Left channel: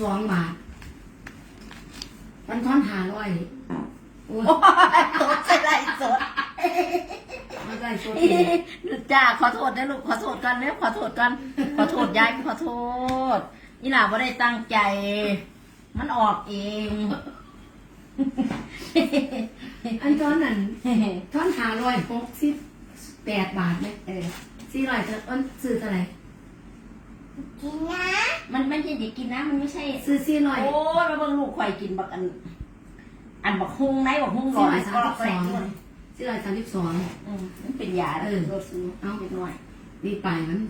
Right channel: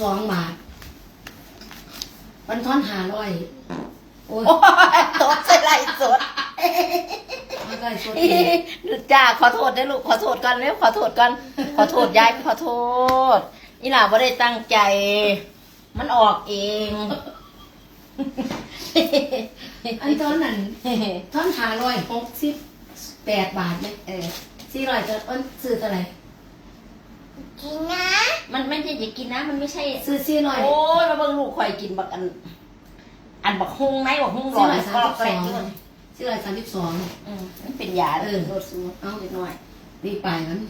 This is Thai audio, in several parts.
สองบาทวันทอนหาร้อยโอ้ยโอ้ยตดใส่ไหลสดไม่ได้สดดูจ้าขอโทษนะลูกขอโทษก่อนเร็วขอโทษก่อนขอโทษยายขอโทษนี่หล่าไม่ได้ตั้งใจ มันออกเองอันทอนนั้นทอนหาร้อยหกสิบแปดบาทไหมเออสี่ร้อยจะอ้นซื้อเท่าไหร่ กินนะ มันไม่ใช่จะกินนะ มันไม่ใช่ ซื้อสี่ร้อย โอ้ยมาเบิ่งลูกข่อยกินบักอัน อันบักฮุงไหนบักฮุงร้อนก็ก็แรงด้วยสี่ร้อยสามสิบสองอืมมันเป็นยาเออโดดซูเอาเล็กน้อยนี่ปลายมัน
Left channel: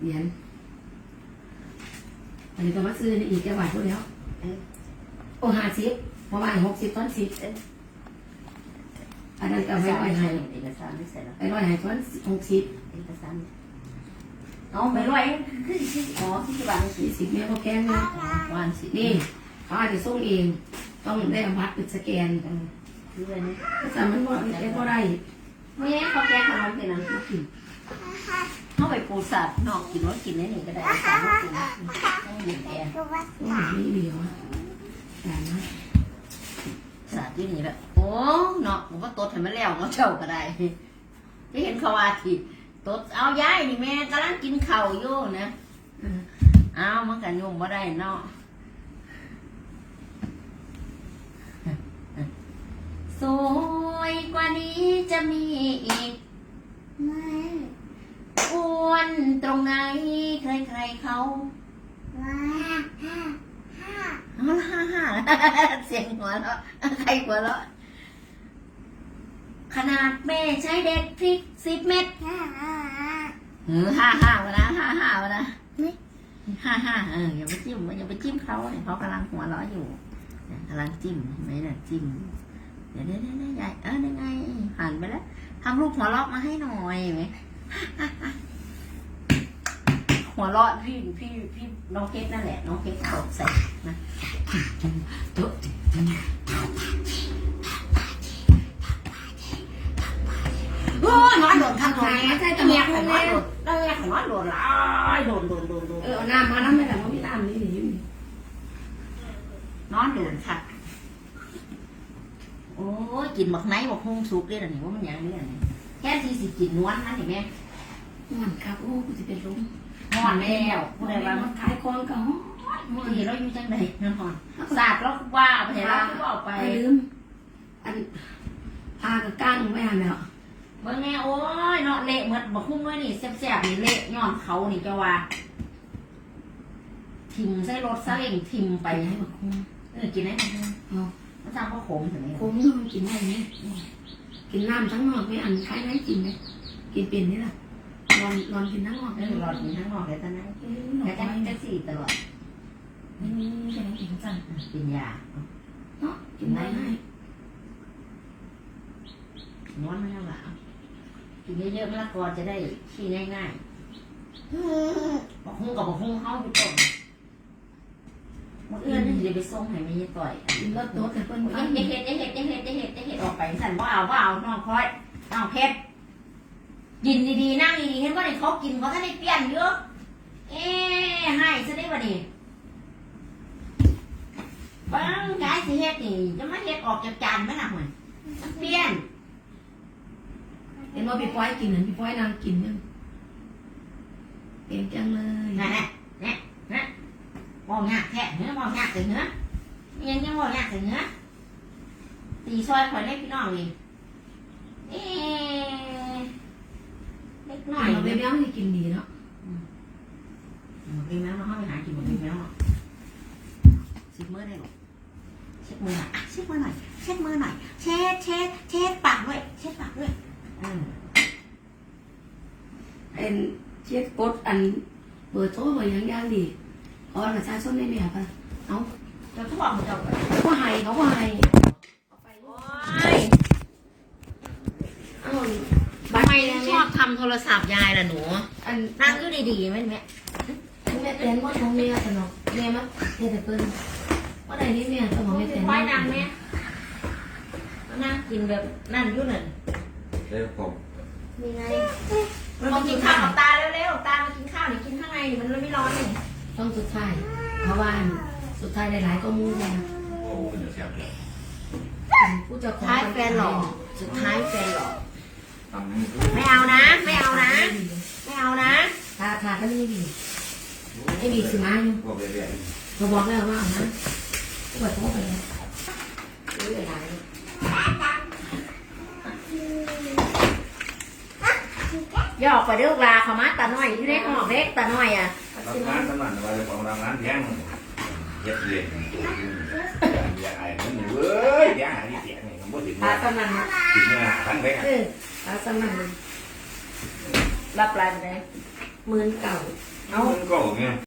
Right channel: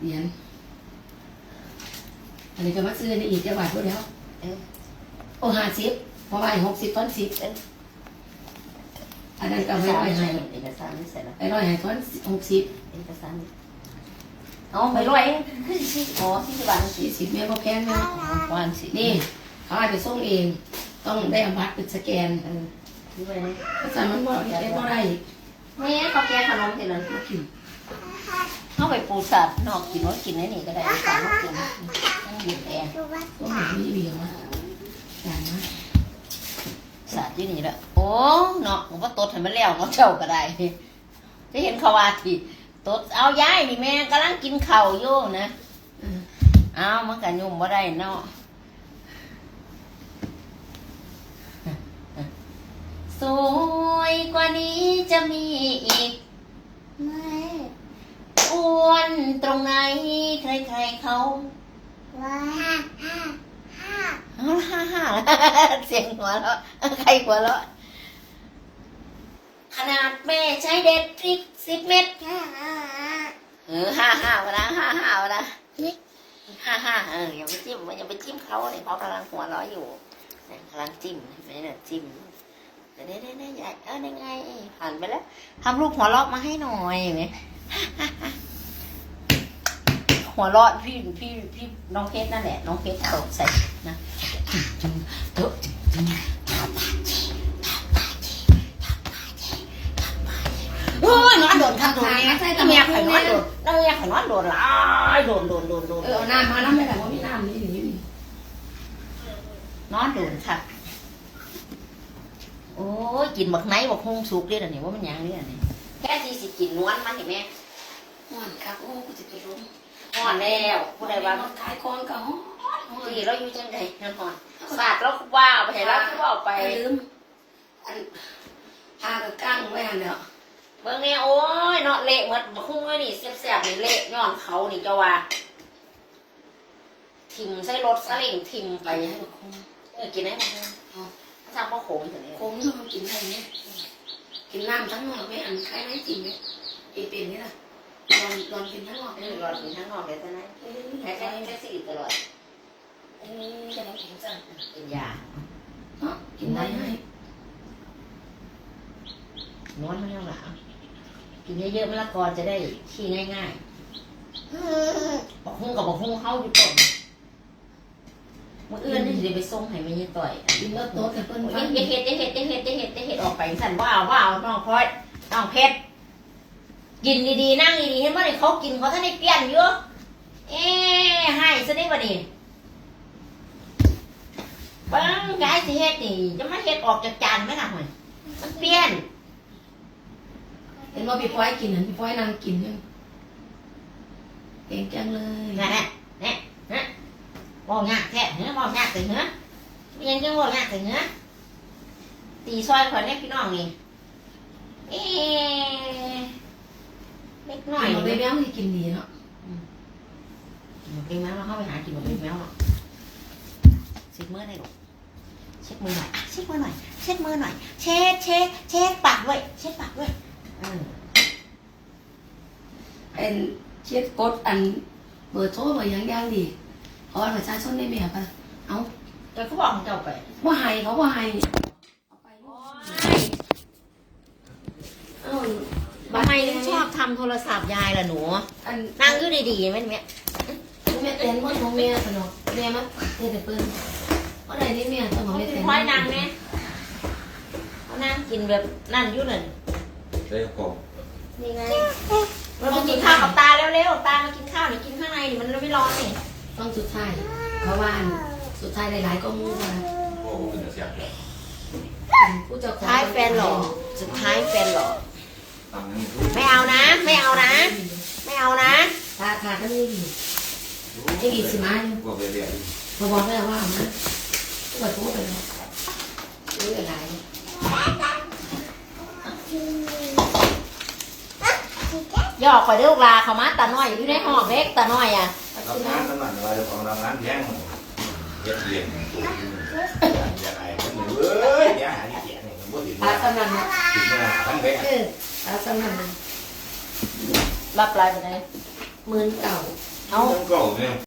เหรียญอันนี้ก็มาซื้อในอีกจะบาทพูดแล้วเออโอ้ห้าสิบเพราะว่าหกสิบต้นสิบเอออันนั้นก็เอกไม่สารไหวไม่ให้ใช่เอกสารไม่ใส่แล้วไอ้ร้อยให้ต้นหกสิบเอกสาร เอาไปร้อยคือสิอ๋อที่จะดังสิสี่สิบเมตรก็แพงไหมวันสินี่เขาอาจจะส่งเอง ต้องได้อาบัตรเป็นสแกนเออด้วยนี่แต่มันบ่เอ็บ่ได้แม่เขาแก้ขนมทีนั้นเข้าไปปูสัตว์นอกกินว่ากินนี่นี่ก็ได้สามกินนั่งหยุดแอร์ก็หาไม่เดียวอะแต่นะสัตว์ที่นี่ด้วยโอ้เนาะผมก็ตดให้มันแล้วก็เจ้าก็ได้จะเห็นเขาว่าที่ ตดเอาย้ายนี่แม่กำลังกินข้าวอยู่นะเอออ้าวมันก็ยุ่มบ่ได้เนาะสวยกว่านี้จะมีอีกไม่อ้วนตรงไหนใครๆเขาว่าห้าห้าฮ่าฮ่าเสียงหัวเราะใครหัวเราะ ขนาดแม่ใช้เด็ดพริกสิบเม็ดห้าห้าเออฮ่าฮ่าวะนะฮ่าฮ่าวะนะฮ่าฮ่าเอออย่าไปจิ้มอย่าไปจิ้มเขาเนี่ยเขากำลังหัวเราะอยู่กำลังจิ้มไมเนี่ยจิ้มเดี๋ยวเดี๋ยวเดี๋ยวเดี๋ยวยายเออได้ไงผ่านไปแล้วทำรูปหัวเราะมาให้หน่อยไหมหัวเราะพี่พี่พี่น้องเพชรนั่นแหละ น้องเพชรตกใส่นะเดี๋ยว อนโดดค่ะโดดเนี่ยใช่เมียข่อยนอนโดดเมียข่อยนอนโดดหลายโดดโดดโดดโดดเออเอาน้ำมาน้ำไม่ได้ว่ามีน้ำนี่นี่นอนโดดค่ะโอ้ยกินบักไนบักฮงสุกเด้อนี่ว่ามันยังเนี่ยนี่แค่ที่สิกินนวลมันนี่แม่ห่อนครับโอ้กูจะเป็นลมหอนแล้วผู้ใดว่าขายของก็ฮ้อนฮ้อนที่เราอยู่จังไดนั่นหอนสาดเราว่าไปให้เราคือว่าเอาไปไปลืมอันพากับก้างไว้หันแล้ว เบิ่งแน่โอ้ยเนาะเละหมดบักฮุ้งเลยนี่แซ่บๆนี่เละย้อนเขานี่เจ้าว่าทิมใส่รถซาเล้งทิมไปไปให้บักคงเออกินได้ไหมเอามันสั่งพ่อขมถึงนี่คงนี่มันกินได้ไหมกินน้ำทั้งนอกไม่อันคล้ายไหนจริงไหมกินเป็นนี่ล่ะลองลองกินทั้งนอกเออรอดกินทั้งนอกเลยตอนนั้นเอ้ยหแค่น่อยแค่แค่สี่ตลอดเอ้ยจะได้กินจังกินยาเนาะกินได้ไหมนวดไม่เอาหลัง กินเยอะๆมะละกอจะได้ขี้ง่ายๆบอกหุ้งกับบอกหุ้งเข้าอยู่ต้นเมื่อเอื้อนนี่สิไปส่งให้แม่ยี่ต่อยกินรถโต๊ะแต่เพิ่นฟังเฮ็ดเฮ็ดเฮ็ดเฮ็ดเฮ็ดเฮ็ดออกไปสั่นว่าเอาว่าเอาน้องพอยน้องเพชรกินดีๆนั่งดีๆเห็นว่าเนี่ยเขากินเขาท่านได้เปลี่ยนเยอะเอ๊ให้ซะได้บ่ดีปังกายสิเฮ็ดนี่จะมาเฮ็ดออกจากจานไหมล่ะหน่อนเปลี่ยน เห็นว่าพี่ป้อยกินนั่นพี่ป้อยนั่งกินยังเก่งจังเลยนั่นแหละเนี่ยฮะบอกยากแท้เนื้อบอกยากถึงเนื้อไม่ยังจะบอกยากถึงเนื้อตีซอยคนเล็กพี่น้องนี่เอ๊ะเล็กน้อยเราไปนี่แมวที่กินดีเนาะเป็นแมวเราเข้าไปหากินแบบเป็นแมวเนาะเช็ดมือได้หรอเช็ดมือหน่อยเช็ดมือหน่อยเช็ดมือหน่อยเช็ดเช็ดเช็ดปากไว้เช็ดปากไว้อืม เป็นเช็ดกดอันเบอร์โทรเบอร์หยังย่างดีเอาอันประชาชนได้แม่ปะเอาเดี๋ยวเขาบอกเขาจะเอาไปว่าให้เขาว่าให้เอาไปโอ้ยเอาทำไมชอบทำโทรศัพท์ยายล่ะหนูอันนั่งก็ดีๆไหมเนี่ยแม่เต้นว่าของแม่สนอกแม่มั้งแม่แต่เปิ้นว่าใดนี่แม่สมองแม่เต้นค่อยนั่งไหมเขานั่งกินแบบนั่นอยู่นั่น เรื่องกบนี่ไงเรามากินข้าวกับตาเร็วๆตามากินข้าวนี่กินข้างในนี่มันไม่ร้อนนี่ต้องสุดท้ายเขาว่าสุดท้ายหลายๆก็มูมาโอ้เป็นเสียงแก่เป็นผู้เจ้าของท้ายแฟนหล่อสุดท้ายแฟนหล่อตามนั้นไม่เอานะ ไม่เอานะ ไม่เอานะทาทาก็นี่ดีจะกี่สิมาอยู่พวกเรียนเราบอกแล้วว่าเอานะปวดท้องเลยนี่หลายอ ย่าออกไปเด้อลูกลาเขามาตาน้อยอยู่ในห้องเล็กตาน้อยอะรับงานตำนานว่าของรางวัลแพงเย็ดเรียนตัวจริงอยากไอ้คนเว้ยอยากหาที่เสียงเนี่ยผมบ่ถึงตาสนั่นถึงหน้าทั้งแพงเออตาสนั่นรับลายไปไหนหมื่นเก่าเอาก็เนี่ย